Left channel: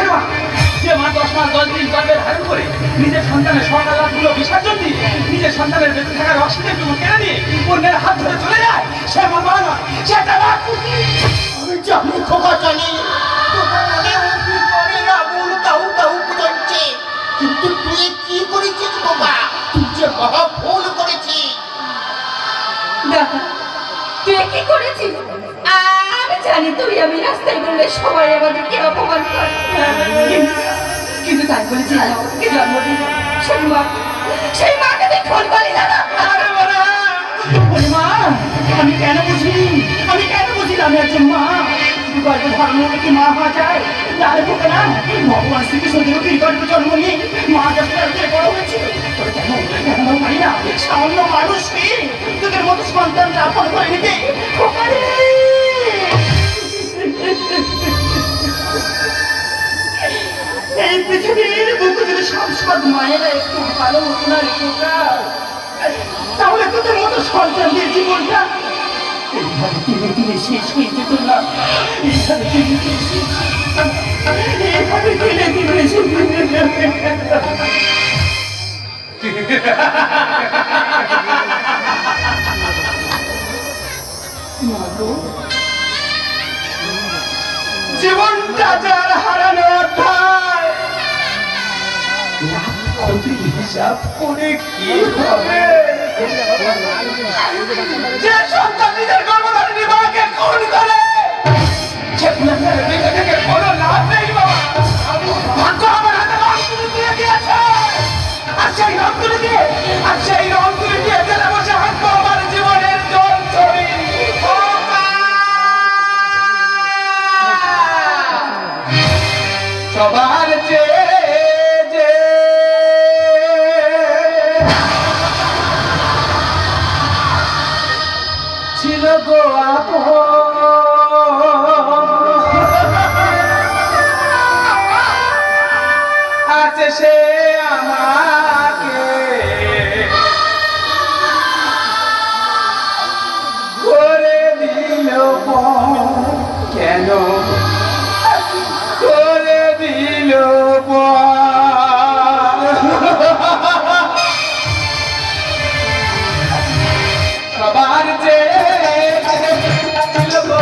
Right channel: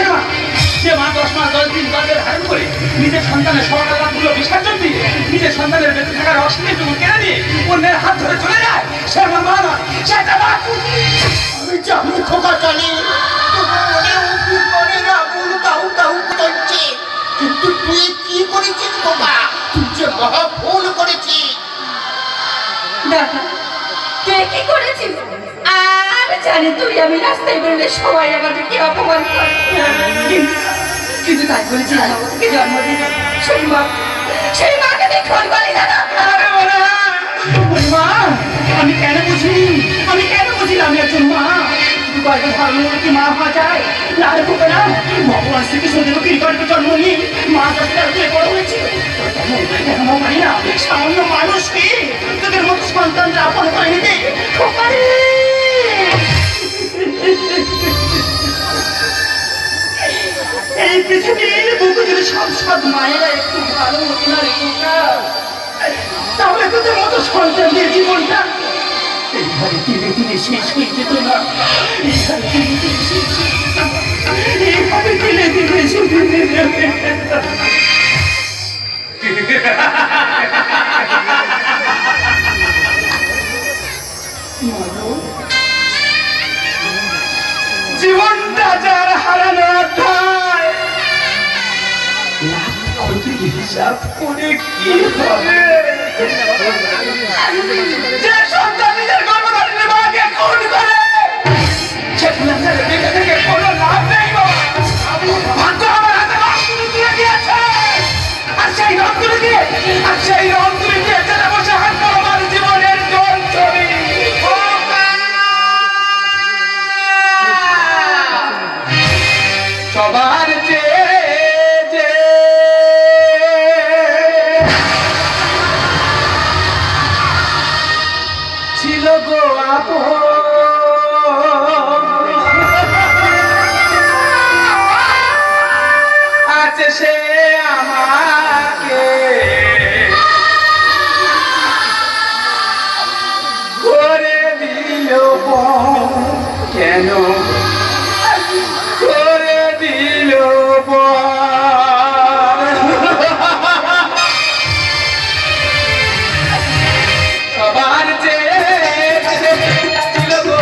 সে মা, যে মা 10 মাস 10 দিন গর্ভে ধারণ করে নিজের সন্তানের সকালগুলো বিসর্জন দিয়ে নিজের সন্তানের বেঁচে থাকার অক্সিজেনটুকু কেড়ে নিয়ে অন্যের হাত ধরে চলে যায়, সে মা মা নয়, সে একটা মা। আমি জানি খোকা জানি তোমার মনে অঙ্কুর মনে আগুন কাউ কাউ করছে, কিন্তু তুই কি করেছিস খোকা? তুই যে মহা ভুল করেছিস। দেখা তুই কি করেছিস? আমি জানি তুই আমি রাস্তায় বেরোলে সবাই আমাদেরকে অপমান করে, কিন্তু তাই বলেছি আমাকে জন্ম দিল সেই মাকে তুই খুন করলি না? মা, আমি কেন বুঝিলাম আমি একজন মা, কিন্তু গর্ভে ধারণ হলে কি মা হওয়া যায়? না রে বোকা না, ভগবান শ্রীকৃষ্ণ কি গর্ভে জন্ম নিয়ে মা দশটা দিয়ে বড় হয়েছিল, কেন পারি না সামান্য মানুষ কি তোদের মতো সন্তানরা আপন করে নিতে? এই পৃথিবীর বুকে যদি সব মায়েরা একটু ভালো হতো না রে বোকা, তাহলে তোদের মতো সন্তানদের জীবনটা এইভাবে ধীরে ধীরে শেষ হয়ে যেত না। এইভাবে ধীরে ধীরে শেষ হয়ে যাবে। জীবনটা যার হারানো অধ্যায়, লাখ ক্ষতির হিসাব করে কি হবে? যে সন্তান নিজের গর্ভধারিণী মাকে খুন করে, সে খুনের বেঁচে থেকে কোনো লাভ নেই বাবা। ভাগ্য আমার হাতে রংতুলি দিয়ে দিয়েছে, আর সেই রংতুলি দিয়ে জেলে বসে হাঁটবো আমার জীবনের জল ছবি। সবার চেয়ে ছিল গো আছে সে আমাকে করে দিল কেন করে দিল সবার চেয়ে ছিল গো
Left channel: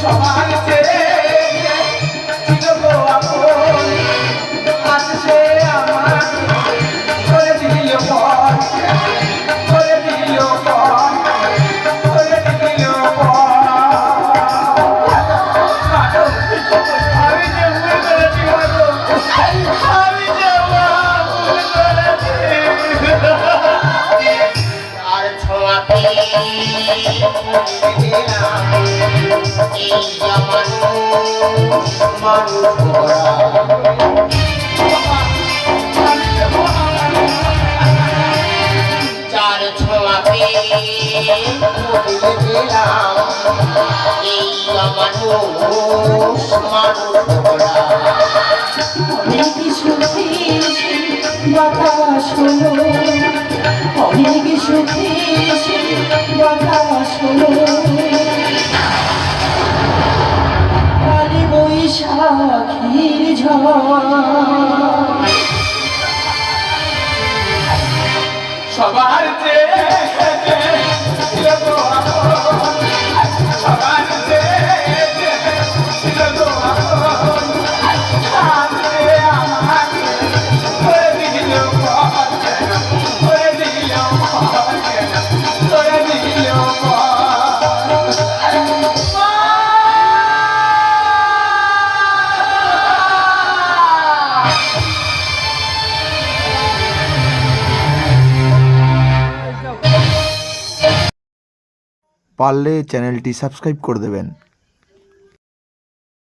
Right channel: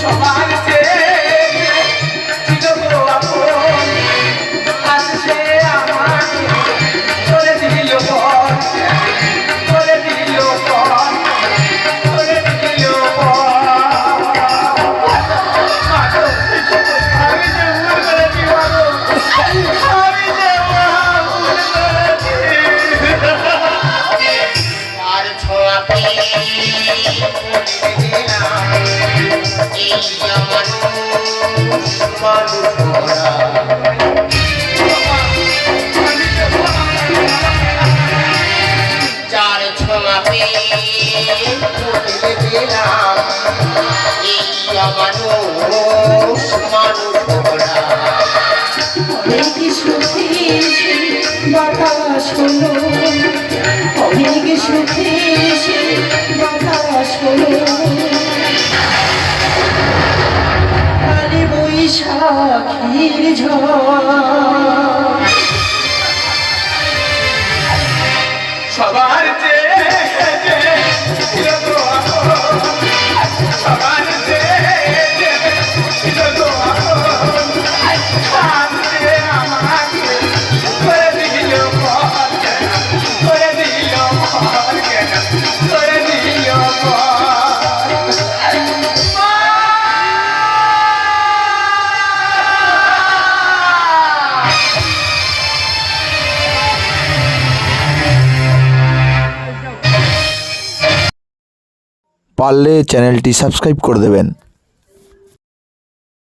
সবার চেয়ে ছিল গো আসছে আমাকে করে দিল করে দিল করে দিল। আমি যে ভুল করেছি বাবু, আমি যে ভুল করেছি। আর ছোঁয়াতে এই আমার মানুষ চার ছোঁয়াতে বদলে দিলাম এই আমার মানুষ অনেক সুখে বাতাস হলো, অনেক সুখে বাতাস হলো, কালী বৈশাখীর ঝড়। সবার চেয়ে ছিল গো সবার চেয়ে ছিল গো আমাকে করে দিল করে দিল করে দিল। পারলে চ্যানেলটি সাবস্ক্রাইব করে দেবেন।